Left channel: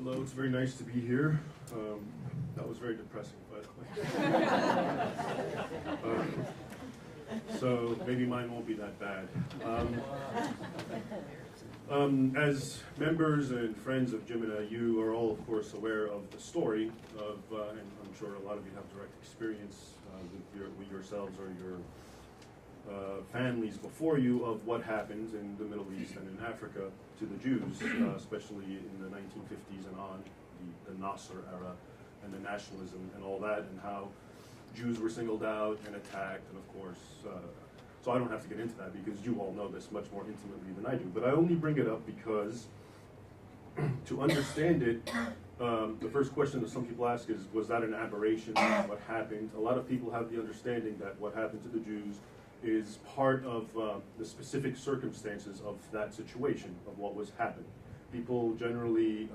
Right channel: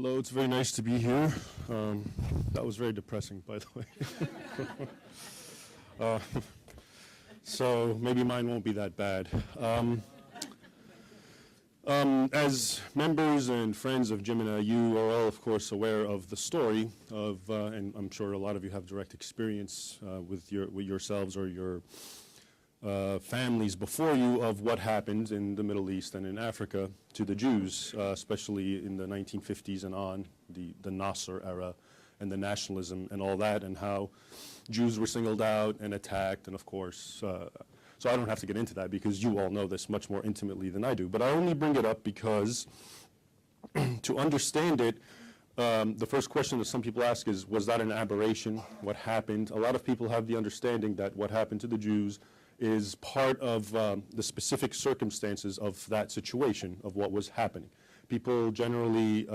Hello, it's very nice to be here. That was very depressing, by the way. So maybe mine won't be that bad. As members and friends of JIMENA, you are all, of course, aware of the story of, and I'm sure a lot of you have direct experience with yourselves or your families before you of what happened in the Middle East and in Africa to the Jews, especially in the 1950s and on, the Nasser era and the nationalism and all that, and how Jews were singled out and attacked, and of course, so I don't have to get into that because you all know this much more intimately than I do, but I only bring it up because to understand it, the first question that some people ask is, was that an aberration? What happened? A lot of people have the understanding that what happened to the Jews is part of the specific circumstances of that situation, of what was happening. People generally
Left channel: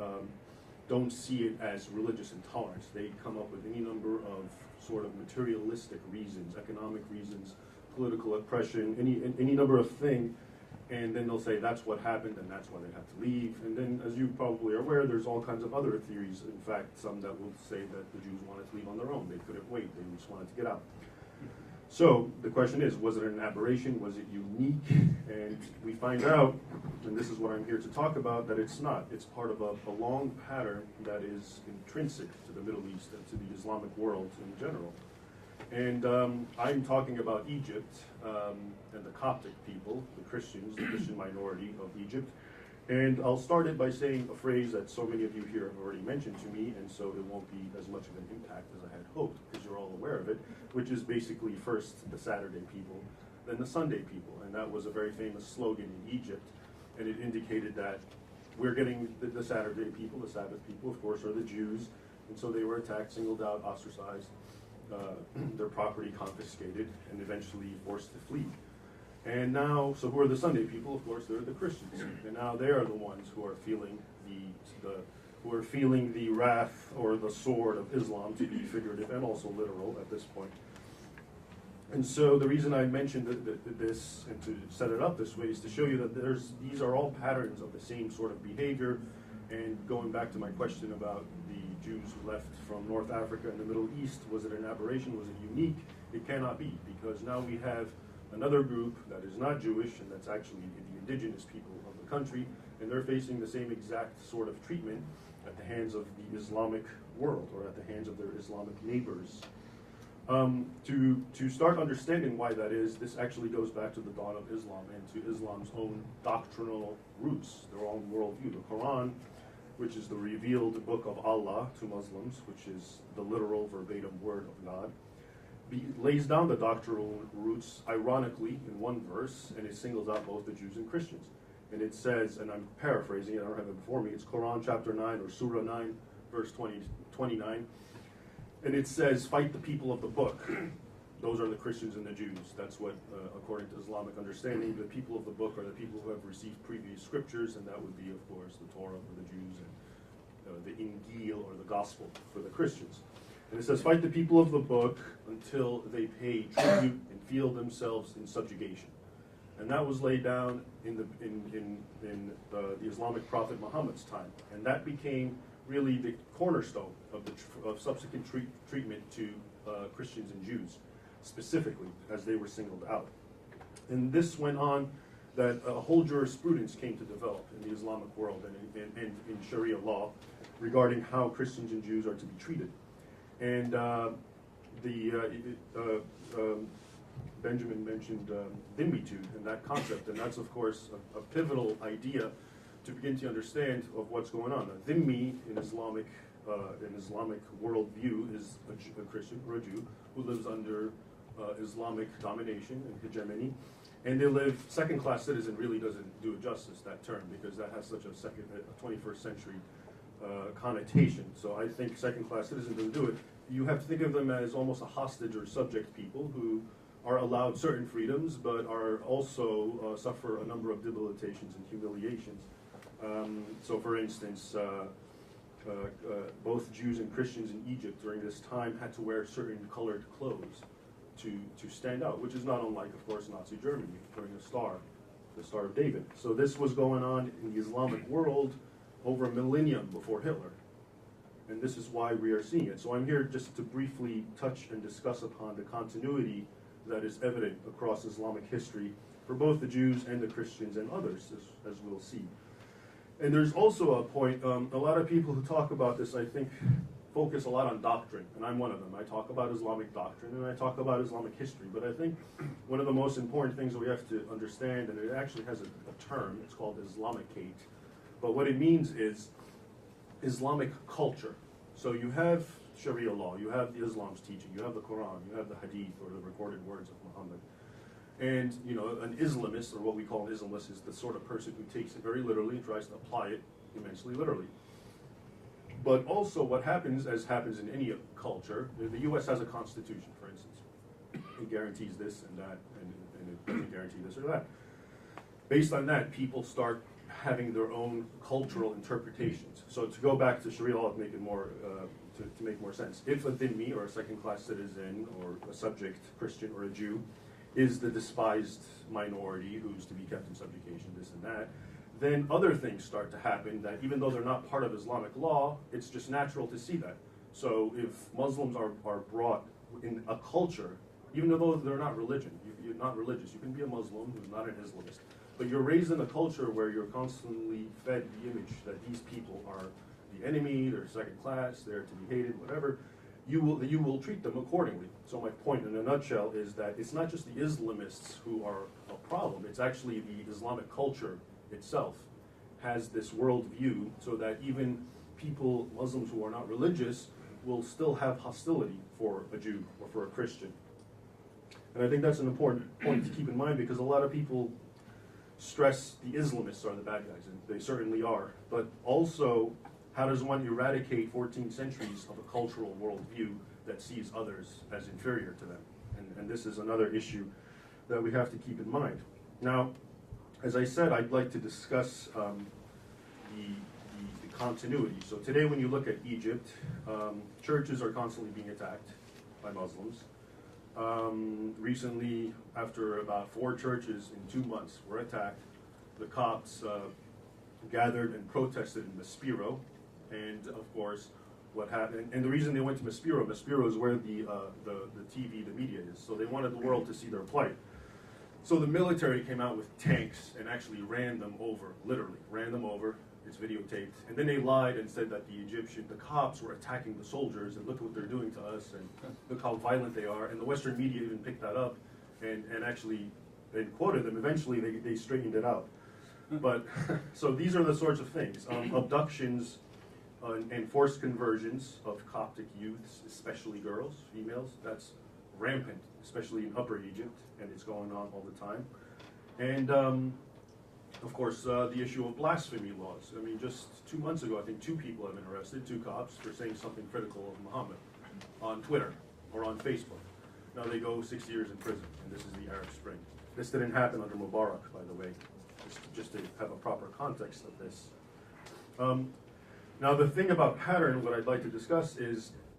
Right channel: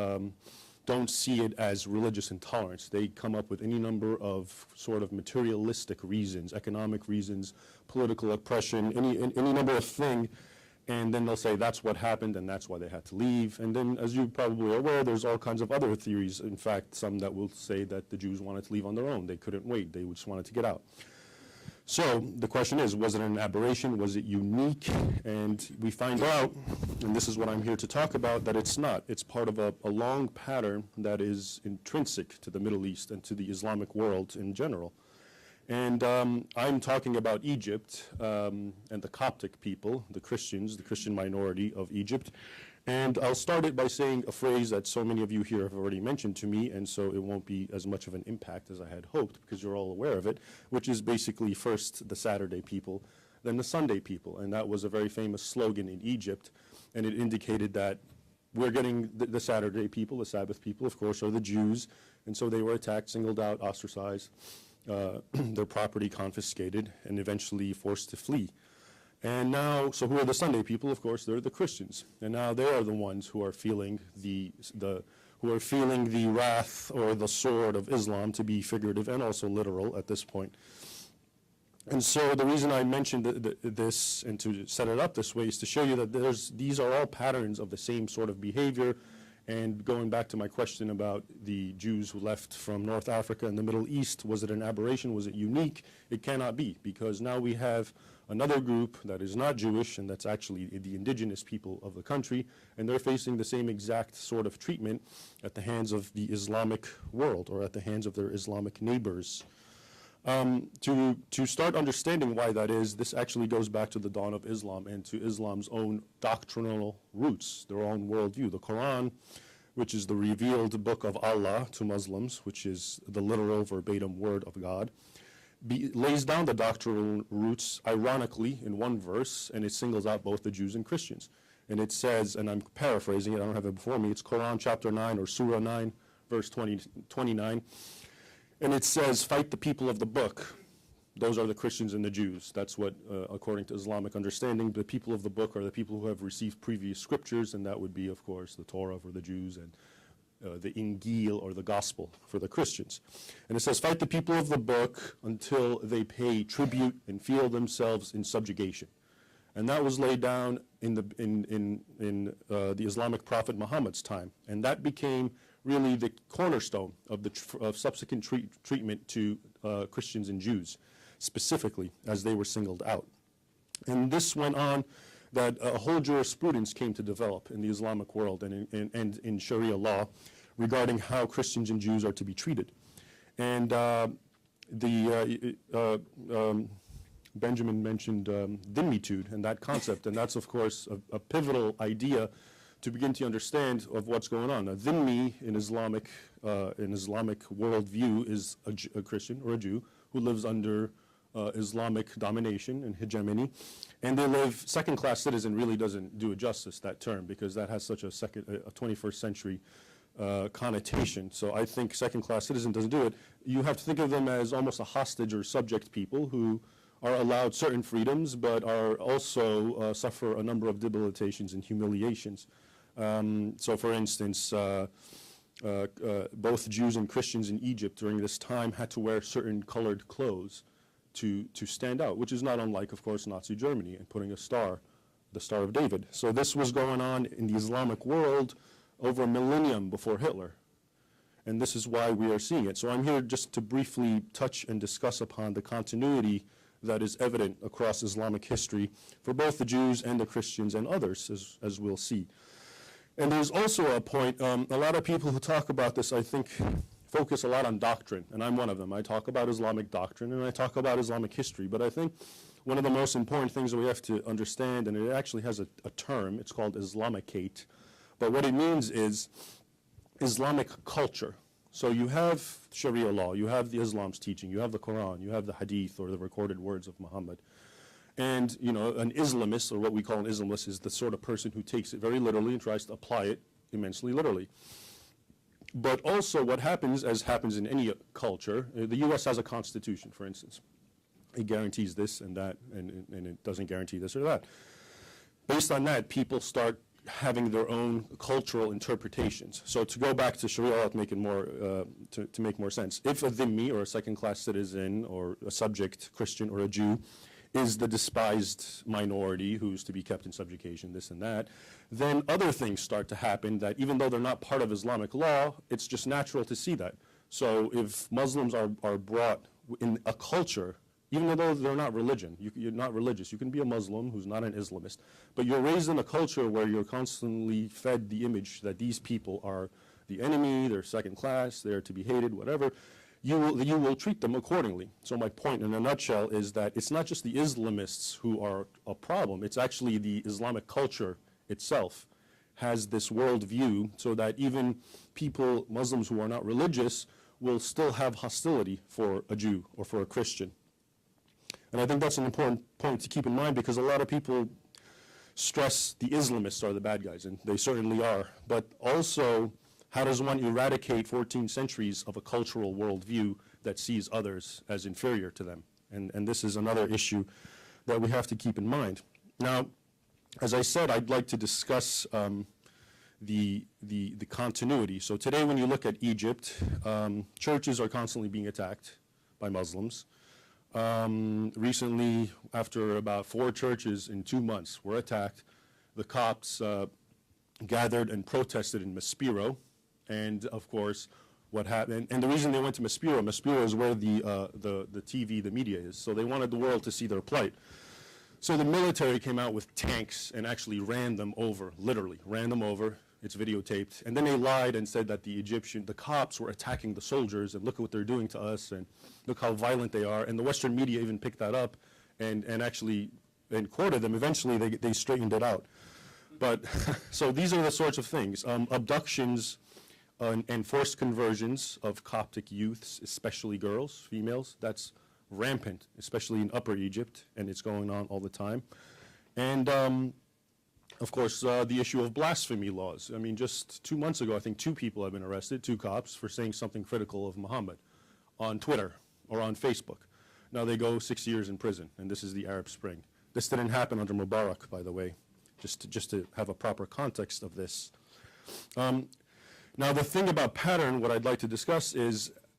don't see it as religious intolerance. They come up with any number of sort of materialistic reasons, economic reasons, political oppression, any number of things, and then they'll say that's what happened and that's why they had to leave. And then, as you probably are aware, there's all kinds of other theories. In fact, some that will say that the Jews wanted to leave on their own. They couldn't wait. They just wanted to get out. So the question is, was it an aberration? Was it unique? And we find out, and this is what I'm here to talk about, that it's not. It's part of a long pattern that is intrinsic to the Middle East and to the Islamic world in general. And I'm talking about Egypt and the Coptic people, the Christians, the Christian minority of Egypt. And I'll start it by saying a phrase that so many of you here have already mentioned to me, and so it won't be as much of an impact as I had hoped, because you're all aware of it, which is basically first the Saturday people, then the Sunday people. And that was a very famous slogan in Egypt, and it indicated that we're getting the Saturday people, the Sabbath people, of course, are the Jews, and so they were attacked, singled out, ostracized, their property confiscated, and eventually forced to flee. And now, so who are the Sunday people? Of course, they're the Christians. And now they are the ones who are feeling the wrath or the sword of Islam, to be figurative and also literal at this point. And so the reason I mentioned this and to set it up this way is to show you that these are all patterns of the same sort of behavior. And going back to my question about the Jews who left from North Africa and the Middle East, was it an aberration? Was it unique? It cannot be, because now we have another group that is not Jewish, and that's actually the indigenous people of the country, and they're facing the same exact sort of treatment at the hands of the Islamic world, or at the hands of their Islamic neighbors. To start understanding why that is, this actually goes back to the dawn of Islam and to Islam's own doctrinal roots, their own worldview. The Quran, which is the revealed book of Allah to Muslims, which is the literal verbatim word of God, lays down the doctrinal roots, ironically, in one verse, and it singles out both the Jews and Christians. And it says, and I'm paraphrasing it, I don't have it before me, it's Quran chapter 9 or Surah 9, verse 29. And it says, fight the people of the book. Those are the Christians and the Jews. That's what, according to Islamic understanding, the people of the book are the people who have received previous scriptures, and that would be, of course, the Torah for the Jews and the Injil or the Gospel for the Christians. And it says, fight the people of the book until they pay tribute and feel themselves in subjugation. And that was laid down in the Islamic prophet Muhammad's time. And that became really the cornerstone of subsequent treatment to Christians and Jews, specifically, as they were singled out. And this went on that a whole jurisprudence came to develop in the Islamic world and in Sharia law regarding how Christians and Jews are to be treated. And Benjamin mentioned dhimmitude and that concept, and that's, of course, a pivotal idea to begin to understand of what's going on. A dhimmi in Islamic worldview is a Christian or a Jew who lives under Islamic domination and hegemony, and they live second-class citizen. Really doesn't do it justice, that term, because that has such a 21st century connotation. So I think second-class citizen doesn't do it. You have to think of them as almost a hostage or subject people who are allowed certain freedoms, but are also suffer a number of debilitations and humiliations. So for instance, both Jews and Christians in Egypt during this time had to wear certain colored clothes to stand out, which is not unlike, of course, Nazi Germany, putting a star, the Star of David. So this was going on in the Islamic world over a millennium before Hitler. And this is why we are seeing it. So I'm here just to briefly touch and discuss upon the continuity that is evident across Islamic history for both the Jews and the Christians and others, as we'll see. And there's also a point, a lot of people who talk about this, I think, focus a lot on doctrine, and I'm one of them. I talk about Islamic doctrine, and I talk about Islamic history, but I think one of the most important things that we have to understand, and it actually has a term, it's called Islamicate, but what it means is Islamic culture. So you have Sharia law, you have the Islam's teaching, you have the Quran, you have the Hadith, or the recorded words of Muhammad. And, you know, an Islamist, or what we call an Islamist, is the sort of person who takes it very literally and tries to apply it immensely literally. But also what happens, as happens in any culture, the U.S. has a constitution, for instance. It guarantees this and that, and it doesn't guarantee this or that. Based on that, people start having their own cultural interpretations. So to go back to Sharia law to make it more, to make more sense, if a dhimmi, or a second-class citizen, or a subject Christian or a Jew, is the despised minority who's to be kept in subjugation, this and that, then other things start to happen that even though they're not part of Islamic law, it's just natural to see that. So if Muslims are brought in a culture, even though they're not religion, you're not religious, you can be a Muslim who's not an Islamist, but you're raised in a culture where you're constantly fed the image that these people are the enemy, they're second class, they're to be hated, whatever, you will treat them accordingly. So my point in a nutshell is that it's not just the Islamists who are a problem, it's actually the Islamic culture itself has this worldview so that even people, Muslims who are not religious, will still have hostility for a Jew or for a Christian. And I think that's an important point to keep in mind, because a lot of people stress the Islamists are the bad guys, and they certainly are. But also, how does one eradicate 14 centuries of a cultural worldview that sees others as inferior to them? And this is another issue that we have to keep in mind. Now, as I said, I'd like to discuss the continuity. So today when you look at Egypt, churches are constantly being attacked by Muslims. Recently, after about 4 churches in 2 months were attacked, the Copts gathered and protested in Maspero. And of course, what happened, and the reason they went to Maspero is where the TV, the media is. So they wanted the world to see their plight. So the military came out with tanks and actually ran them over, literally ran them over. It's videotaped. And then they lied and said that the Copts were attacking the soldiers, and look at what they're doing to us, and look how violent they are. And the Western media even picked that up and actually quoted them. Eventually they straightened it out. But so these are the sorts of things. Abductions and forced conversions of Coptic youths, especially girls, females, that's rampant, especially in Upper Egypt, and it's going on all the time. And of course, the issue of blasphemy laws. I mean, just 2 months ago, I think 2 people have been arrested, 2 Copts, for saying something critical of Muhammad on Twitter or on Facebook. Now they go 6 years in prison, and this is the Arab Spring. This didn't happen under Mubarak, by the way, just to have a proper context of this. Now the thing about pattern, what I'd like to discuss is,